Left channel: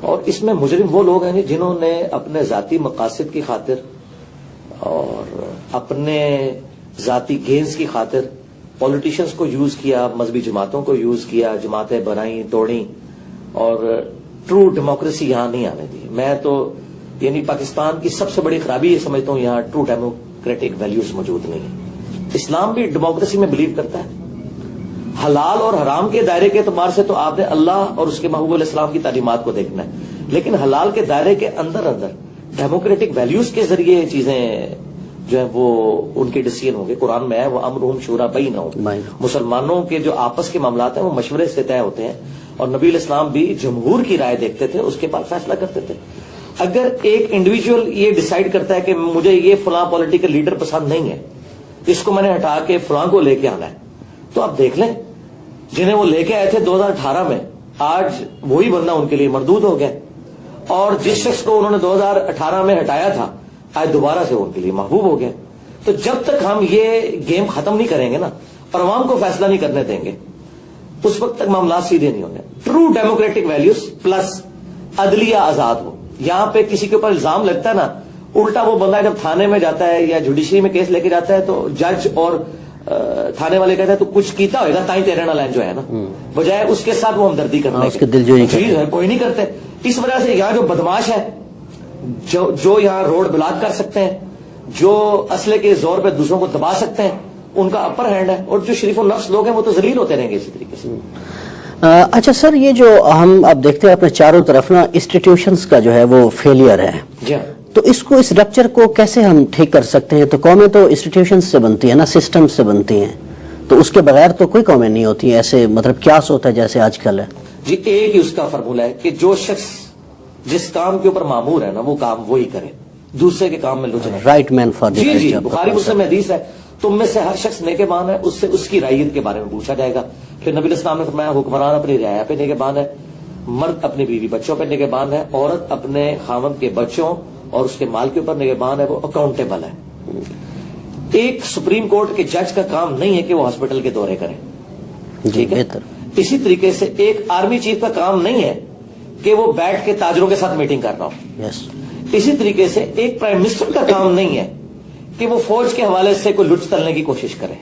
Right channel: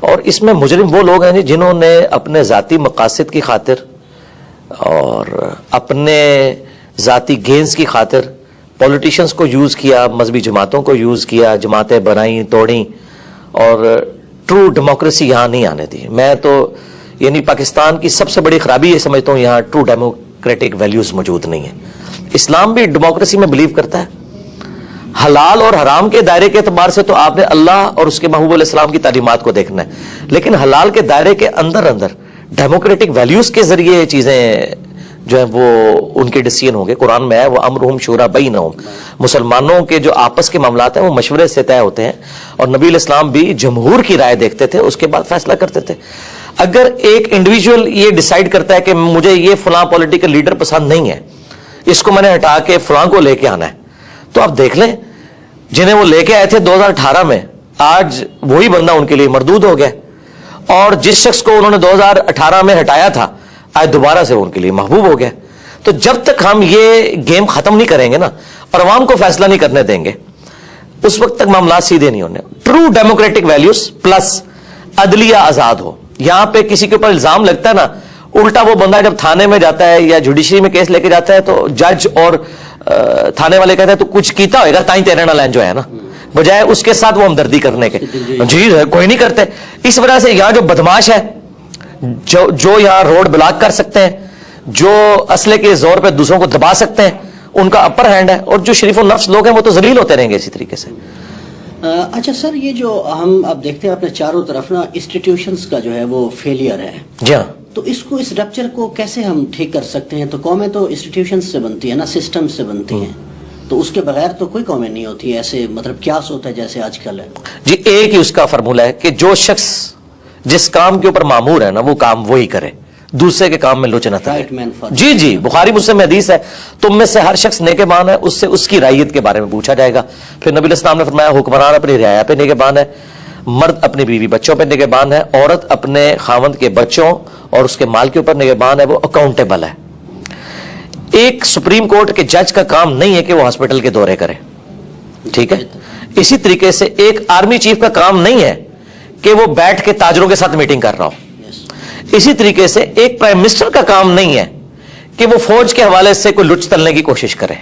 اور اس میں مجرم وہ لوگ ہیں جی جنہوں نے اپنے ذاتی مقاصد کی خاطر اور اپنے ذاتی گینز کی خاطر پولیٹیشنز کو یوز کیا, مذہبی جماعتوں کو یوز کیا, جماعتیں بنائیں توڑیں, اور ٹرو ڈیموکریسی یہاں نہیں آنے دی. میں تو یعنی پاکستان کی سب سے بڑی خرابی یہ سمجھتا ہوں یہاں ٹرو ڈیموکریٹک ویلیوز موجود نہیں ہیں. اسلام بھی ڈیموکریسی میں بلیو کرتا ہے. حلال اور حرام کے دائرے کے اعتبار سے تو آپ نے اللہ اور اس کے محبوب علیہ السلام کی تعلیمات کو دیکھنا ہے, لیکن حلال کے دائرے کے اندر ڈیموکریٹک ویلیوز کے ذریعے چیزیں جو ہیں وہ ان کے ڈیسیژن ہوں گے. قرآن میں ہے وہ امرہم شورا بینہم, مسلمانوں کے جو آپس کے معاملات ہیں وہ مشورے سے طے ہوتے ہیں, اور نبی علیہ السلام بھی جمہور کی رائے دیکھتے تھے, اس کے بعد فیصلہ کرتے تھے. اگر ایک انڈیویجول یہ ڈیسائیڈ کرتا ہے کہ مجھے یہ فلاں پولیٹیکل لیڈر پسند نہیں ہے, اس کو میں نے ہٹا کے فلاں کو لے کے آنا ہے, تو آپ دیکھ لیں جنہیں وہ لے کے آئے تھے 2018 میں, آج وہی بندہ ان کے لیے مردود ہو گیا, اور جس شخص کو انہوں نے 2018 میں ہٹایا تھا آج دوبارہ سے ان کے لیے محبوب ہو گیا. تو جب تک ہم یہ گیم ختم نہیں کریں گے نا اور عوام کو فیصلہ نہیں کرنے دیں گے, اس وقت تک معاملات سیدھے نہیں ہونے. ٹرو ڈیموکریٹک ویلیوز پلس عدلیہ آزاد ہو. یہاں پہ کسی کے اوپر الزام لگتا ہے نا, الٹا وہ بندہ جب تھانے میں جاتا ہے یا جوڈیشری میں کیس لے کے جاتا ہے تو جج اور تھانے والے کہتے ہیں تو کچھ کیتا ہوئے گا تائیں تیرے نہ لین جو ہے نا, بجائے اس کے ساتھ وہ ہمدردی کرنے کے. جی کوئی نہیں کرتے. اس وجہ سے یہاں جو بدماش ہے, جو یہاں روڈ بلاک کر سکتے ہیں, جو اسلحے کے زور پہ دوسروں کو دبا سکتے ہیں, ان کا اپر ہینڈ ہے, اور جو شریف النفس لوگ ہیں وہ تو ذلیل ہوتے رہیں گے اسی طریقے سے. اچھا سر, یہ جو ہم اب دیکھتے ہیں اپنے چاروں طرف نا انسٹیٹیوشنز کا جو ہے وہ فیلئر ہے, جی ہاں, تو اس کو اس رپچر کو کیسے ہم ٹھیک کر سکتے ہیں؟ تو قومیں تو انسٹیٹیوشن سے بنتی ہیں نا, سسٹم سے بنتی ہیں, تو اس کے بغیر تو کوئی قومیں نہیں ہوتی ایسے, مطلب کیا ہوتا ہے جیسے آج کل ہے. جی ایک ہی اس کا فارمولہ ہے کہ جو شخص جس کام کے اوپر مامور ہے نا وہ کام وہی کرے, دوسرے کے کام میں لوچ نہ کرے. رائٹ مین فار جی جی, بخاری مسلم میں حدیث ہے, تم میں سے ہر شخص نگہبان ہے, اس سے اس کی رعیت کے بارے میں پوچھا جائے گا. پھر نبی علیہ السلام نے فرمایا حکمران اپنی رعایا پہ نگہبان ہے, مرد اپنی بیوی بچوں پہ نگہبان ہے, عورت اپنے خاوند کے بچوں اور اس کے مال کے اوپر نگہبان ہے, وہ اکاؤنٹیبل ہے. ایک سپریم کورٹ کے جج کا کام نہیں ہے کہ وہ ہاسپٹل کے دورے کرے, ٹھیک ہے. اسی طریقے سے ایک آرمی چیف کا کام نہیں ہے کہ وہ بیٹھ کے تاجروں کے ساتھ میٹنگ کر رہا ہو. اسی طریقے سے ایک پرائم منسٹر کا کام نہیں ہے کہ وہ فوج کے حوالے سے کوئی لچ تلنے کی کوشش کرے,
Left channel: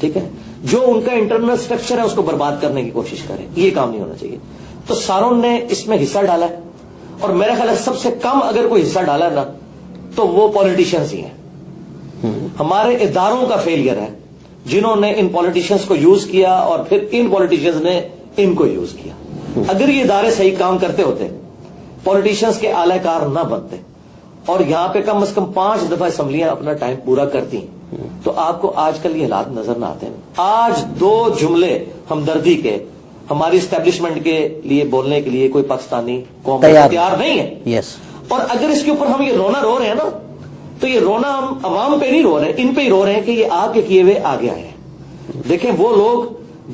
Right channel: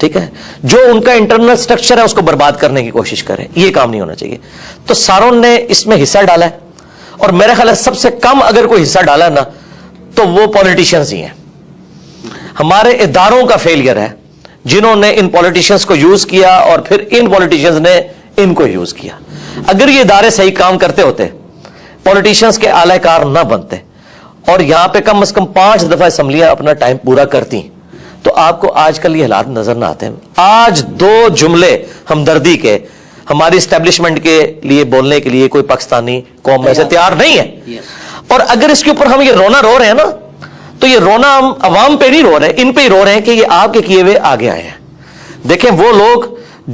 ٹھیک ہے, جو ان کا انٹرنل سٹرکچر ہے اس کو برباد کرنے کی کوشش کرے. یہ کام نہیں ہونا چاہیے. تو ساروں نے اس میں حصہ ڈالا ہے, اور میرا خیال ہے سب سے کم اگر کوئی حصہ ڈالا ہے نا تو وہ پولیٹیشنز ہی ہیں. ہمارے اداروں کا فیلئر ہے جنہوں نے ان پولیٹیشنز کو یوز کیا اور پھر ان پولیٹیشنز نے ان کو یوز کیا. اگر یہ ادارے صحیح کام کرتے ہوتے, پولیٹیشنز کے اعلی کار نہ بنتے, اور یہاں پہ کم از کم 5 دفعہ اسمبلیاں اپنا ٹائم پورا کرتی, تو آپ کو آج کل یہ حالات نظر نہ آتے ہیں. آج 2 جملے ہمدردی کے ہماری اسٹیبلشمنٹ کے لیے بولنے کے لیے کوئی پاکستانی قوم سے تیار نہیں ہے. اور اگر اس کے اوپر ہم یہ رونا رو رہے ہیں نا, تو یہ رونا ہم عوام پہ نہیں رو رہے, ان پہ ہی رو رہے ہیں کہ یہ آپ کے کیے ہوئے آگے آئے ہیں. دیکھیں وہ لوگ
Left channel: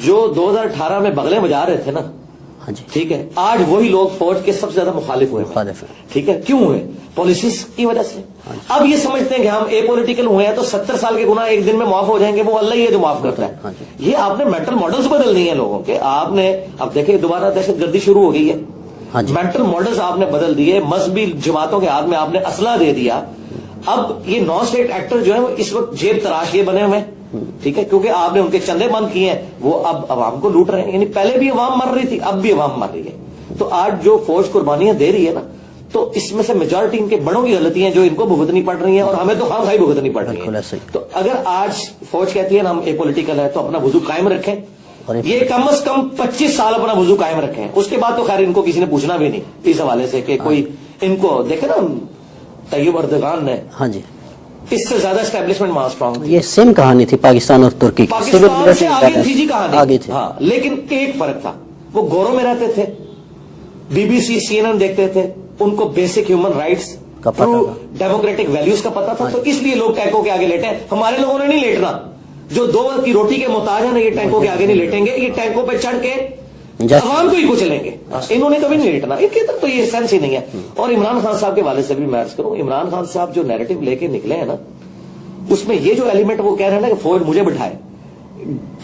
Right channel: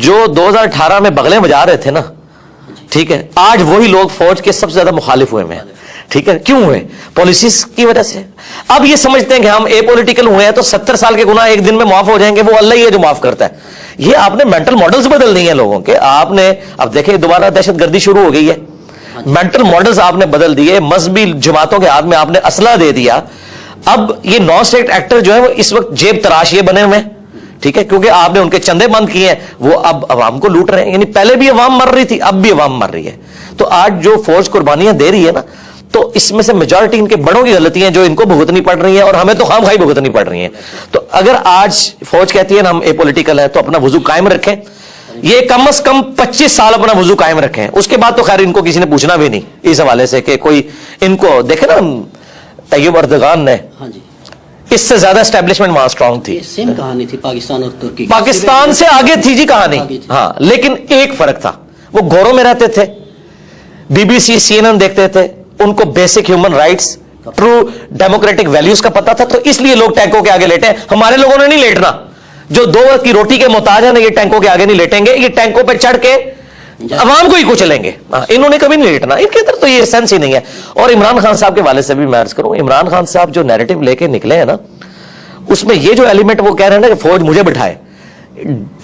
جو 2018 میں بغلیں بجا رہے تھے نا, ٹھیک ہے, آج وہی لوگ فوج کے سب سے زیادہ مخالف ہوئے ہیں, ٹھیک ہے. کیوں ہوئے؟ پالیسیز کی وجہ سے. اب یہ سمجھتے ہیں کہ ہم اے پولیٹیکل ہوئے ہیں تو 70 سال کے گناہ ایک دن میں معاف ہو جائیں گے, وہ اللہ ہی ہے جو معاف کرتا ہے. یہ آپ نے مینٹل ماڈلز بدل دی ہیں لوگوں کے. آپ نے اب دیکھیں دوبارہ دہشت گردی شروع ہو گئی ہے, مینٹل ماڈلز آپ نے بدل دیے, مذہبی جماعتوں کے ہاتھ میں آپ نے اسلحہ دے دیا. اب یہ نان اسٹیٹ ایکٹر جو ہے وہ اس وقت جیب تراش یہ بنے ہوئے ہیں, ٹھیک ہے, کیونکہ آپ نے ان کے چندے بند کیے ہیں, وہ اب عوام کو لوٹ رہے ہیں. یعنی پہلے بھی عوام مر رہی تھی, اب بھی عوام مر رہی ہے. تو آج جو فوج قربانیاں دے رہی ہے نا, تو اس میں سے میجورٹی ان کے بڑوں کی غلطیاں جو ان کو بھگتنی پڑ رہی ہیں, اور ہمیں تو خام خواہی بھگتنی پڑ رہی ہیں. تو اگر آج فوج کہتی ہے نا ہم اے پولیٹیکل ہے, تو اپنا وضو قائم رکھیں. یہ کم از کم 25 سال اپنا وضو قائم رکھیں. اس کے بعد تو خیر ان کو کسی نے پوچھنا بھی نہیں اس حوالے سے کہ کوئی ان کو دیکھے نا. طیب اردغان نے, ہاں جی, اس سے زیادہ اسٹیبلشمنٹ وہاں اسٹرانگ تھی. سیم کہانی تھی پاکستان اور ترکی, پاکستان سے آگے تھی جی کہانی. ہاں, لیکن ایک فرق تھا, وہ گوروں میں رہتے تھے, بی بی سی CNN دیکھتے تھے, ان کو basic human rights, true democratic values کا پتا تھا. تو اس لیے لوگ ٹینکوں کے آگے لیٹے ہیں. ہمارے لوگوں نے نہیں لیٹنا. جو 2 وقت کی روٹی کے محتاج ہیں نا, یہ ٹینکوں کے آگے نہیں لیٹیں گے. یہ ٹینکوں پہ چڑھ کے عوام کو ہی کچلیں گے. انہوں نے کبھی نہیں لیٹنا. ان کے اندر تو یہ سینس ہی نہیں ہے. اور عمران خان صاحب کے والے سے بھی میں عرض کروں, عمران خان صاحب جو نیریٹو لے کے نکلے ہیں نا, اس میں یہ جو ایلیمنٹ وہ کہہ رہے ہیں نا کہ فوج مجھے بٹھائے,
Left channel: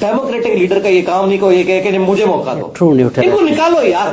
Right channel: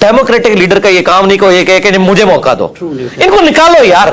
ڈیموکریٹک لیڈر کا یہ کام نہیں کو یہ کہے کہ مجھے موقع دو. ان کو نکالو یار,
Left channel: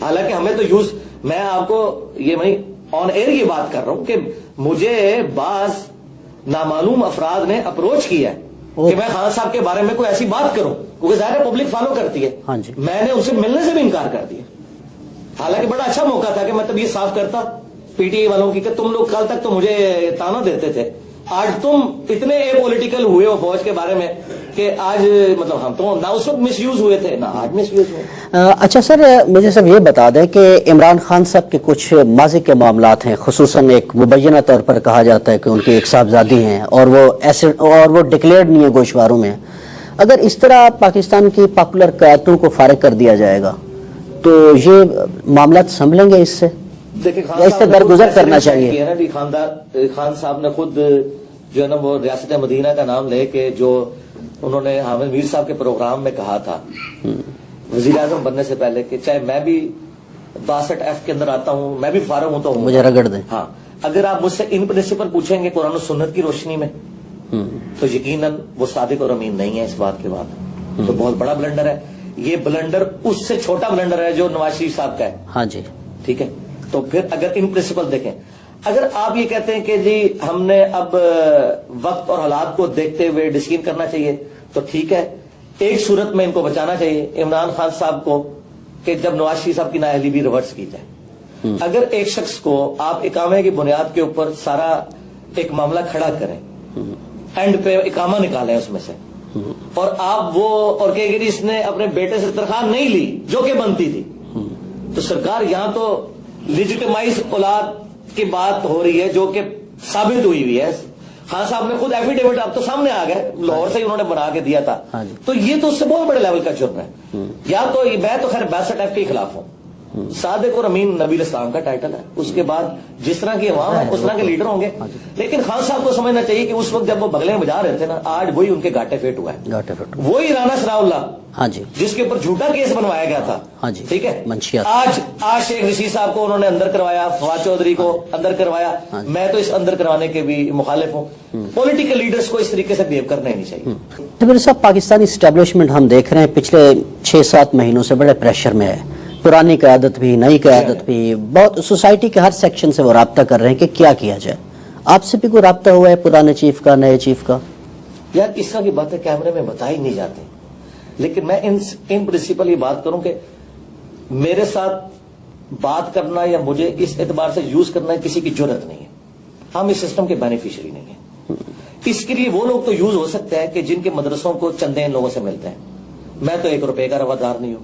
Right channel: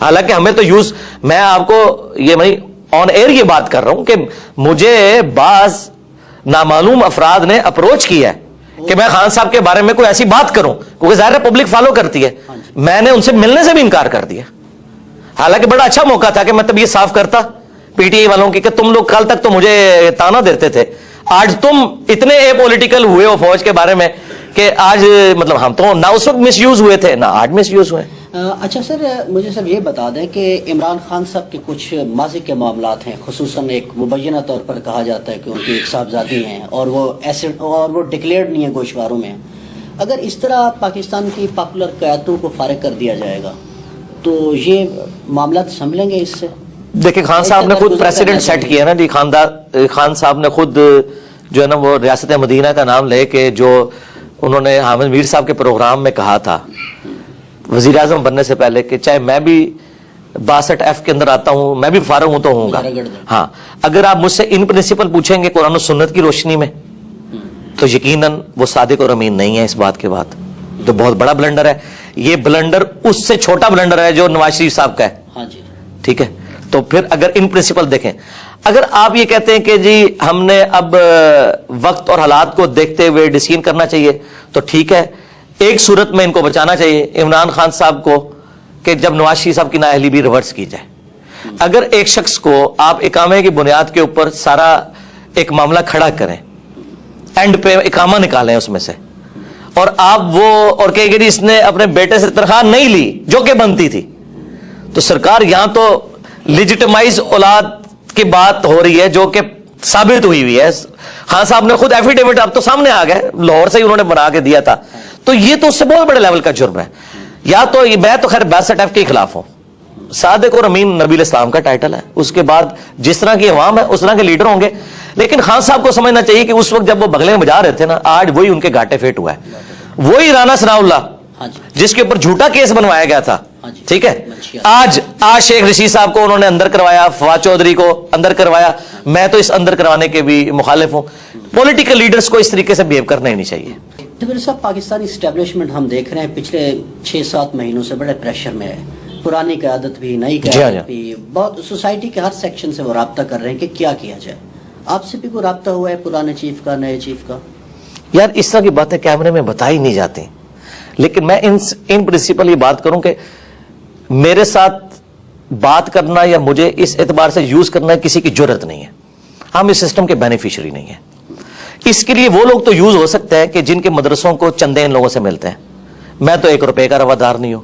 حالانکہ ہمیں تو یوز, میں آپ کو یہ میں آن ایئر یہ بات کر رہا ہوں کہ مجھے بعض نامعلوم افراد نے اپروچ کیا ہے کہ میں خان صاحب کے بارے میں کوئی ایسی بات کروں, کیونکہ ظاہر ہے پبلک فالو کرتی ہے. میں نے ان سے ملنے سے بھی انکار کر دیا, حالانکہ بڑا اچھا موقع تھا کہ میں تب یہ صاف کرتا پی ٹی آئی والوں کی کہ تم لوگ کل تک تو مجھے تانا دیتے تھے, آج تم اتنے اے پولیٹیکل ہوئے ہو فوج کے بارے میں کہ آج مطلب ہم تو نہ اس وقت مس یوز ہوئے تھے نہ آج مس یوز ہوئے. اچھا سر, مجھے سب یہ بتا دیں کہ عمران خان صاحب کے کچھ ماضی کے معاملات ہیں, خصوصاً ایک مبینہ طور پر کہا جاتا ہے کہ ان کی ایک صاحبزادی ہیں اور وہ ڈکلیئرڈ نہیں ہے گوشواروں میں. اگر اس طرح پاکستان کی پاپولر قیادتوں کو فارغ کر دیا جائے گا تو یہ معاملات سنبھلیں گے اس سے؟ دیکھیں خان صاحب نے خود پریسیڈنٹ سیٹ کیا نا جی, خان صاحب نے خود جو ہے نا وہ ریاست مدینہ کا نام لے کے جو انہوں نے حامد میر صاحب کے پروگرام میں کہا تھا وزیر اعظم بننے سے پہلے کہ چاہے میں بھی 62F کے اندر آتا ہوں, میں بھی فارغ ہوں تو ہوں گا. ہاں, اگر آپ مجھ سے ان پرنسپل پوچھیں گے قرآن و سنت کی روشنی میں تو یقیناً وہ صادق اور امین نہیں ہے اس بات کے بعد, جو بہت بڑا بلنڈر ہے. یہ بلنڈر اس سے چھوٹا بلنڈر ہے جو نواز شریف صاحب کا ہے. ہاں جی, ٹھیک ہے. تو پھر اگر ان پرنسپل دیکھیں, اگر آپ یہ کہتے ہیں کہ جی ہم نے اب وقت اور حالات کو دیکھتے ہوئے ڈسیزن کرنا چاہیے تو ٹھیک ہے, ایک صورت میں ان کو بچانا چاہیے عمران خان صاحب کو کہ جب نواز شریف صاحب کی نااہلی بھی ریورس کی جائے. اگر ایک شخص کو آپ اقامے کی بنیاد کے اوپر سارا ایک معاملہ کھڑا کریں, اینڈ پہ اقامہ نکالیں اس میں سے, اور آپ وہ اور کہ اس نے اپنے بیٹے سے تنخواہ نہیں لی جو کہ بنتی تھی, تو سرکار یہاں تو لیجیٹمائز اولاد کی بات ہو رہی ہے جو کہ ثابت ہوئی ہے. خان صاحب نے خود ایفیڈیوٹ اب تو سامنے آ گئے, لاہور سے ہی انہوں نے بنا کے دیا تھا. تو یہ تو اس سے بہت بڑے لیول کا جرم ہے. یا تو میں تو خیر 62F کے خلاف ہوں. صادق اور امین نبی الاسلام کا ٹائٹل ہے, اس کے بعد جس طرح کی عوام ہے اس طرح کے لیڈر ہوں گے. لیکن خان صاحب کو سمجھنا چاہیے کہ اس وقت جب وہ بغلے میں بجا رہے تھے نا, آج وہی ان کے گھاٹے فیٹ ہوا ہے. وہی رانا ثناء اللہ جس کے اوپر جھوٹا کیس بنوایا گیا تھا, ٹھیک ہے, آج شیخ رشید صاحب کو انہوں نے اندر کروایا, فواد چودھری کو اندر کروایا. میں تو اس اندر کروانے کے بھی مخالف ہوں. پولیٹیکل لیڈرز کو اس طریقے سے بیہیو کرنا ہی نہیں چاہیے. میرے صاحب, پاکستانی اسٹیبلشمنٹ ہم دیکھ رہے ہیں پچھلے 6-7 مہینوں سے بڑے پریشر میں ہے. پرانی قیادت بھی, نئی قیادت بھی, بہت سوسائٹی کے ہر سیکشن سے وہ رابطہ کر رہے ہیں کہ کیا کیا جائے. آپ سے بھی کوئی رابطہ ہوا ہے پرانے چیف کا, نئے چیف کا؟ یار اس طرح کی باتیں کیمرے میں بتائی نہیں جاتی, لیکن میں ان پرنسپل یہ بات کروں کہ میرے ساتھ بات کرنا یا مجھے اس اعتبار سے یوز کرنا کسی کی جرت نہیں ہے. ہم اس سسٹم کے بینیفیشری نہیں ہیں. اس کے لیے وہ لوگ تو یوز ہو سکتے ہیں کہ جن کے مدرسوں کو چندے ان لوگوں سے ملتے ہیں. میں تو 1 روپے کا روادار نہیں ہوں,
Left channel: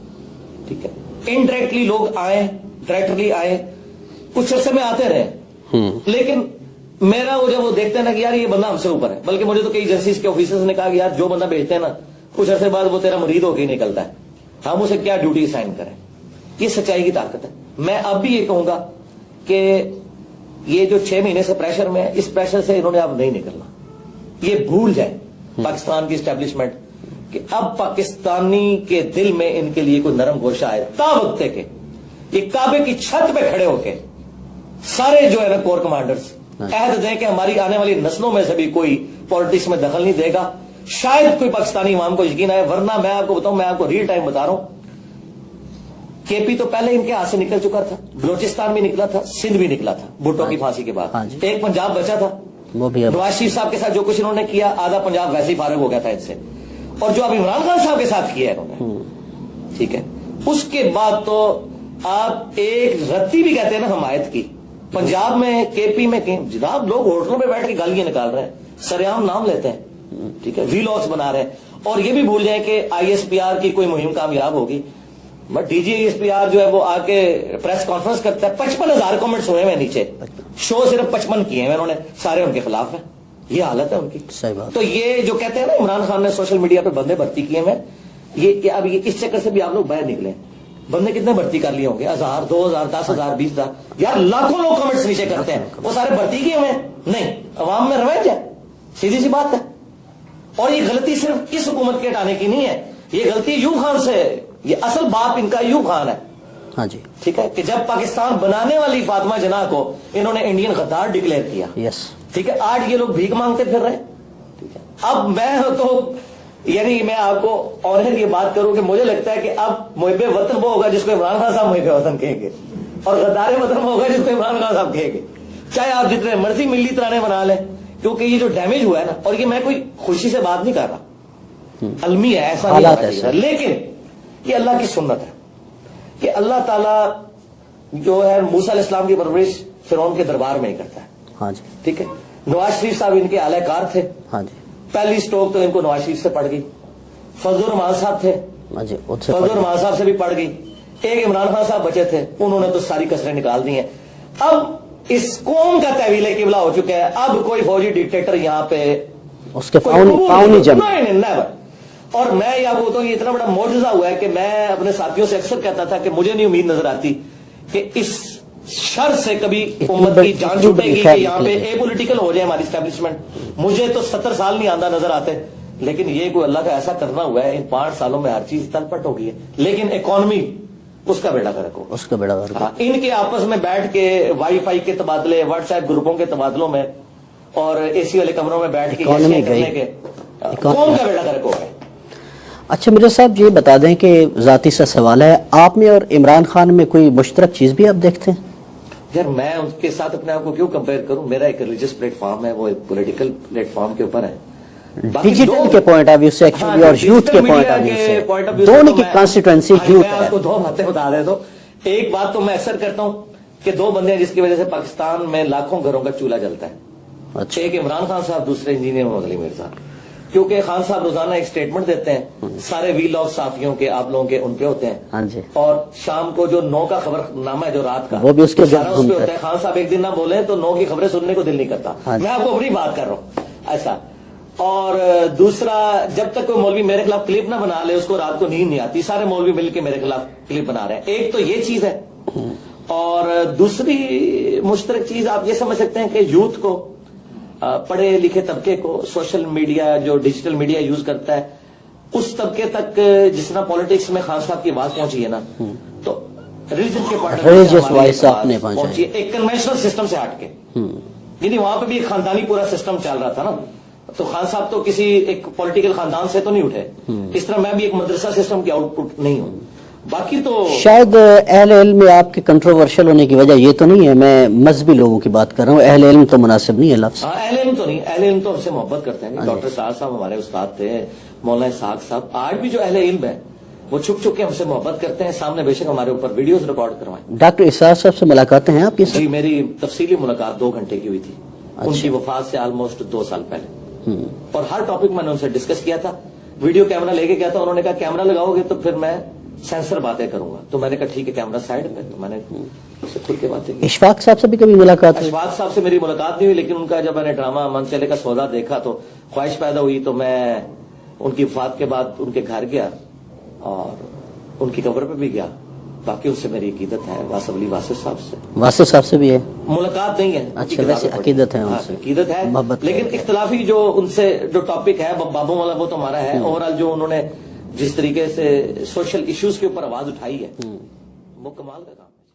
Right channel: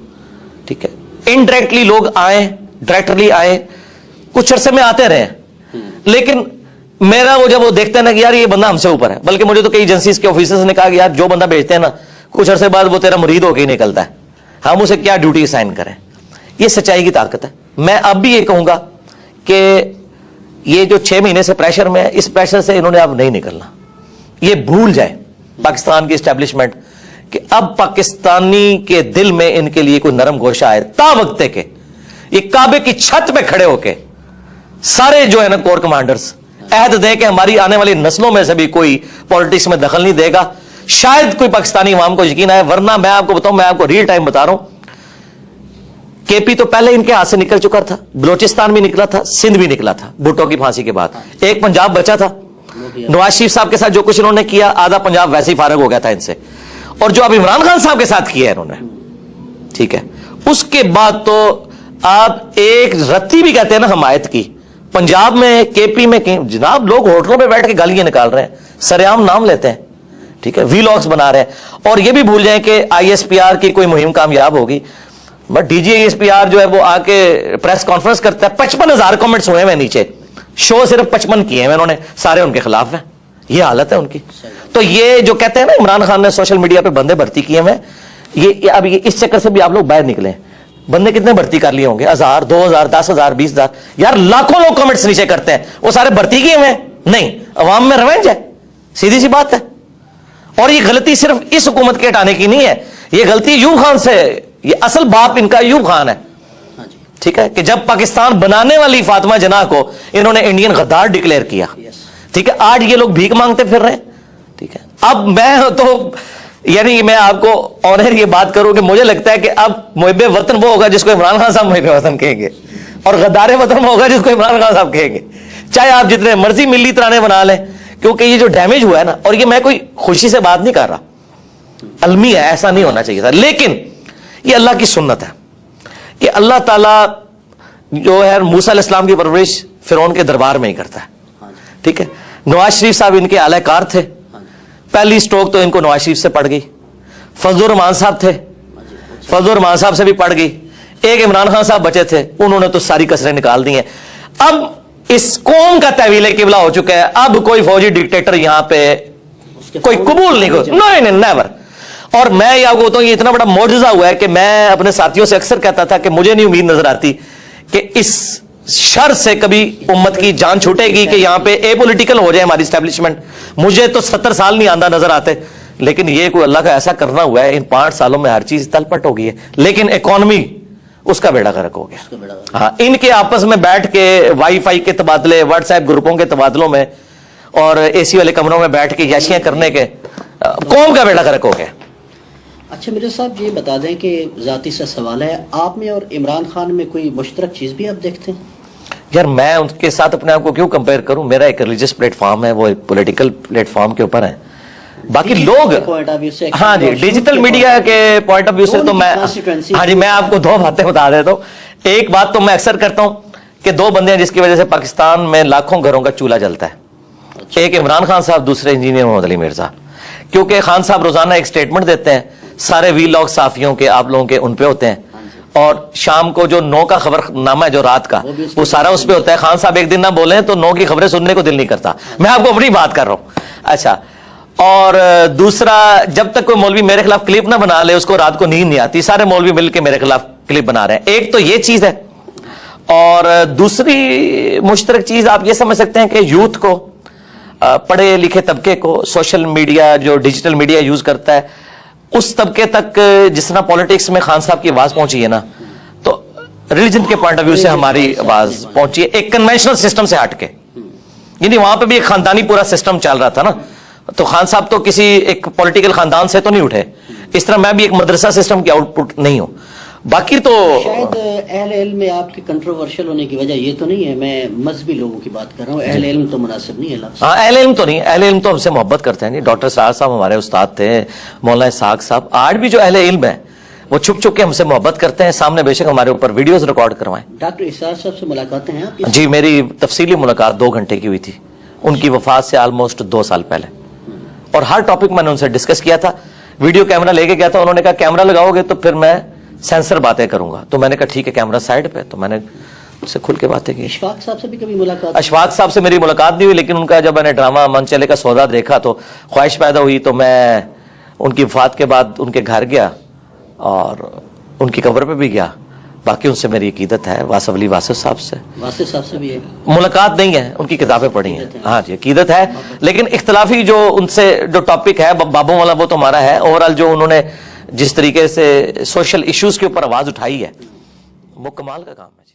ٹھیک ہے. انڈائریکٹلی لوگ آئے, ڈائریکٹلی آئے, کچھ عرصے میں آتے رہے, لیکن میرا وہ جب وہ دیکھتے ہیں نا کہ یار یہ بندہ ہم سے اوپر ہے, بلکہ مجھے تو کئی ایجنسیز کے آفیسرز نے کہا کہ یار جو بندہ بھیجتے ہیں نا کچھ عرصے بعد وہ تیرا مرید ہو کے ہی نکلتا ہے, ہم اسے کیا ڈیوٹی اسائن کریں. یہ سچائی کی طاقت ہے. میں اب بھی یہ کہوں گا کہ یہ جو 6 مہینے سے پریشر میں ہے, اس پریشر سے انہوں نے اب نہیں نکلنا. یہ بھول جائے پاکستان کی اسٹیبلشمنٹ کہ اب پاکستانی کے دل میں ان کے لیے کوئی نرم گوشہ آئے. تا وقت کہ یہ کعبے کی چھت پہ کھڑے ہو کے سارے جو ہے نا کور کمانڈرز عہد دیں کہ ہماری آنے والی نسلوں میں سے بھی کوئی پالیٹکس میں دخل نہیں دے گا, شاید کوئی پاکستانی عوام کو یقین آئے. ورنہ میں آپ کو بتاؤں, میں آپ کو ریل ٹائم بتا رہا ہوں, کے پی تو پہلے ان کے ہاتھ سے نکل چکا تھا, بلوچستان بھی نکلا تھا, سندھ بھی نکلا تھا بھٹو کی پھانسی کے بعد. ایک پنجاب بچا تھا. نواز شریف صاحب کے ساتھ جو کچھ انہوں نے کیا, آدھا پنجاب ویسے ہی فارغ ہو گیا تھا ان سے. اور جو اب عمران خان صاحب کے ساتھ کیا ہے انہوں نے, ٹھیک ہے, اس کے بعد تو آپ ایک رتی بھی کہتے ہیں نا حمایت کی. پنجاب میں, کے پی میں جناب لوگ ہوٹلوں پہ بیٹھ کے گالیاں نکال رہے ہیں, سرعام نام لیتے ہیں, ٹھیک ہے, وی لاگز بنا رہے ہیں. اور یہ بھی بھول جائیں کہ ISPR کی کوئی مہم کامیاب ہوگی, بٹ ڈی جی ISPR جو ہے وہ آ کے پریس کانفرنس کرتا ہے, 55,000 کمنٹس ہوئے ہیں نیچے, شو صرف 55 کیے ہیں انہوں نے, سارے ان کے خلاف ہیں. یہ حالت ہے ان کی. تو یہ جو کہتے ہیں نا عمران خان نے سوشل میڈیا پہ بندے بھرتی کیے ہیں, یہ اب اس چکر سے بھی آپ لوگ باہر نکلیں. بندے کتنے بھرتی کر لیے ہوں گے, 1000, 2000, 10,000, 20,000, یار لاکھوں لوگ کمنٹس نیچے کرتے ہیں, وہ سارے بھرتی کیے ہوئے نہیں. عوام میں ریونج ہے, سیدھی سی بات ہے. اور یہ غلطی صرف اس حکومت کے ہٹانے کی نہیں ہے, یہ غلطی ایوب خان سے, یہ اصل باپ ان کا ایوب خان ہے. ہاں جی, ٹھیک ہے, کہ جب پاکستان بنانے والی فاطمہ جناح کو انہوں نے انڈین غدار ڈکلیئر کیا, ٹھیک ہے, آج یہ لوگ بھیک مانگتے پھر رہے ہیں. ٹھیک ہے, اب میں تو یعنی میں آپ کو آنر یہ بات کروں کہ مجھے لگتا ہے کہ اب محب وطن وہ ہوگا جس کو عمران خان صاحب محب وطن کہیں گے, اور غدار وطن وہ ہوگا جس کو عمران خان صاحب کہیں گے, چاہے آپ جتنے مرضی ملی ترانے بنا لیں, کیونکہ یہ جو ڈیمیج ہوا ہے نا, اور یہ میں کوئی خوشی سے بات نہیں کر رہا, المی ہے, ایسا نہیں ہونا چاہیے تھا, لیکن یہ اللہ کی سنت ہے کہ اللہ تعالیٰ جو ہے موسیٰ علیہ السلام کی پرورش فرعون کے دربار میں ہی کرتا ہے. ٹھیک ہے, نواز شریف صاحب ان کے اعلی کار تھے, پہلی سٹروک تو ان کو نواز شریف سے پڑ گئی. فضل الرحمان صاحب تھے, فضل الرحمان صاحب سے بھی پڑ گئی. ایک عمران خان صاحب بچے تھے, انہوں نے تو ساری کسریں نکال دی ہیں. اب اس قوم کا تحویل قبلہ ہو چکا ہے, اب کوئی فوجی ڈکٹیٹر یہاں پہ کوئی قبول نہیں کرتا, نہیں نیور. اور میں یہ آپ کو بتاؤں, یہ اتنا بڑا معجزہ ہوا ہے کہ میں اپنے ساتھیوں سے اکثر کہتا تھا کہ مجھے نہیں امید نظر آتی کہ اس شر سے کبھی امت کی جان چھوٹے گی کہ یہاں پہ اے پولیٹیکل ہو جائے ہماری اسٹیبلشمنٹ. مجھے تو 70 سال نہیں آندہ نظر آتے, لیکن یہ کوئی اللہ کا ایسا کرنا ہوا ہے, ان 5 سالوں میں ہر چیز تل پٹ ہو گئی ہے. لیکن اکانومی اس کا بیڑا غرق ہو گیا. ہاں, ان کے آپس میں بیٹھ کے وائی فائی کے تبادلے, واٹس ایپ گروپوں کے تبادلوں میں, اور اے سی والے کمروں میں بیٹھ کے یاشیاں کرنے کے, قوم کا بیڑا غرق ہو گیا. اچھا مرزا صاحب یہ بتا دیں کہ ذاتی سا سوال ہے, آپ میں اور عمران خان میں کوئی مشترک چیز بھی آپ دیکھتے ہیں؟ یار میں ان کے ساتھ اپنے آپ کو کیوں کمپیئر کروں, میرا ایک ریلیجس پلیٹ فارم ہے, وہ ایک پولیٹیکل پلیٹ فارم کے اوپر ہے. باقی لوگ ہاں ڈیجیٹل میڈیا کے پوائنٹ آف ویو سے تو میں ہاں جی میں آپ کو 2 باتیں بتا دیتا ہوں. ایک بات تو میں اکثر کرتا ہوں کہ 2 بندے ہیں جس کی وجہ سے پاکستان میں لاکھوں گھروں کا چولہا جلتا ہے. ایک عمران خان صاحب, دوسرے انجینئر محمد علی مرزا. کیونکہ خان صاحب روزانہ ایک سٹیٹمنٹ دیتے ہیں, سارے وی لاگ صحافیوں کے آپ لوگوں کے ان پہ ہوتے ہیں, اور شام کو جو 9 کا خبر نامہ ہے جو رات کا وہ سارا اس پہ ہوتا ہے. خان صاحب ایک دن نہ بولیں تو 9 کی خبریں سننے کو دل نہیں کرتا. میں آپ کو اپنی بات کر رہا ہوں. اچھا, اور دوسرا, جب تک کوئی مولوی میرے خلاف کلپ نہ بنا لے اس کو رات کو نیند نہیں آتی. سارے مولوی مل کے میرے خلاف کلپ بنا رہے ہیں. ایک تو یہ چیز ہے, اور دوسری مشترک چیز آپ یہ سمجھ سکتے ہیں کہ یوتھ کو, پڑھے لکھے طبقے کو, سوشل میڈیا جو ڈیجیٹل میڈیا یوز کرتا ہے اس طبقے تک جس طرح پولیٹکس میں خان صاحب کی آواز پہنچی ہے نا, تو ریلیجن کے پوائنٹ آف ویو سے ہماری آواز پہنچی ہے ایک کنونشنل سسٹم سے ہٹ کے. یعنی وہاں پہ بھی ایک خاندانی پورا سسٹم چل رہا تھا نا, تو خان صاحب تو کسی ایک پولیٹیکل خاندان سے تو نہیں اٹھے, اس طرح میں بھی ایک مدرسہ سسٹم کی آؤٹ پٹ نہیں ہوں. باقی تو شاید اہل علم میں آپ کے کنٹروورشل ہونے کی وجہ یہ تو نہیں ہے, میں مذہبی لوگوں کی بات کر رہا ہوں, اہل علم تو مناسب نہیں ہے لفظ. ہاں اہل علم تو نہیں, اہل علم تو ہم سے محبت کرتے ہیں. ڈاکٹر سعد صاحب ہمارے استاد تھے, مولانا اسحاق صاحب, آج بھی جو اہل علم ہے وہ چھپ چھپ کے ہم سے محبت کرتے ہیں, سامنے بے شک ہمارے اوپر ویڈیوز ریکارڈ کروائیں. ڈاکٹر اسحاق صاحب سے ملاقاتیں ہیں آپ کی؟ جی میری تفصیلی ملاقات 2 گھنٹے کی ہوئی تھی, ان کی وفات سے آلموسٹ 2 سال پہلے, اور ہر ٹاپک میں نے ان سے ڈسکس کیا تھا. ویڈیو کیمرہ لے کے گیا تھا, انہوں نے کہا کیمرہ لگاؤ گے تو پھر میں سینسر باتیں کروں گا, تو میں نے کہا ٹھیک ہے کیمرہ سائڈ پہ, تو میں نے اس سے کھل کے باتیں کی. اشفاق صاحب سے بھی کبھی ملاقات؟ اشفاق صاحب سے میری ملاقات نہیں ہوئی, لیکن ان کا جب میں نے ڈرامہ من چلے کا سودا دیکھا تو خواہش پیدا ہوئی, تو میں ان کی وفات کے بعد ان کے گھر گیا اور ان کی قبر پہ بھی گیا. باقی ان سے میری عقیدت ہے. واصف علی واصف صاحب سے, واصف صاحب سے بھی ہے ملاقات نہیں ہے, ان کی کتابیں پڑھی ہیں. ہاں جی عقیدت ہے, لیکن اختلافی جو ان سے جو ٹاپک ہے بابوں والا وہ تو ہمارا ہے. اوورال جو انہوں نے جس طریقے سے سوشل ایشوز کے اوپر آواز اٹھائی ہے وہ کمال کا کام ہے.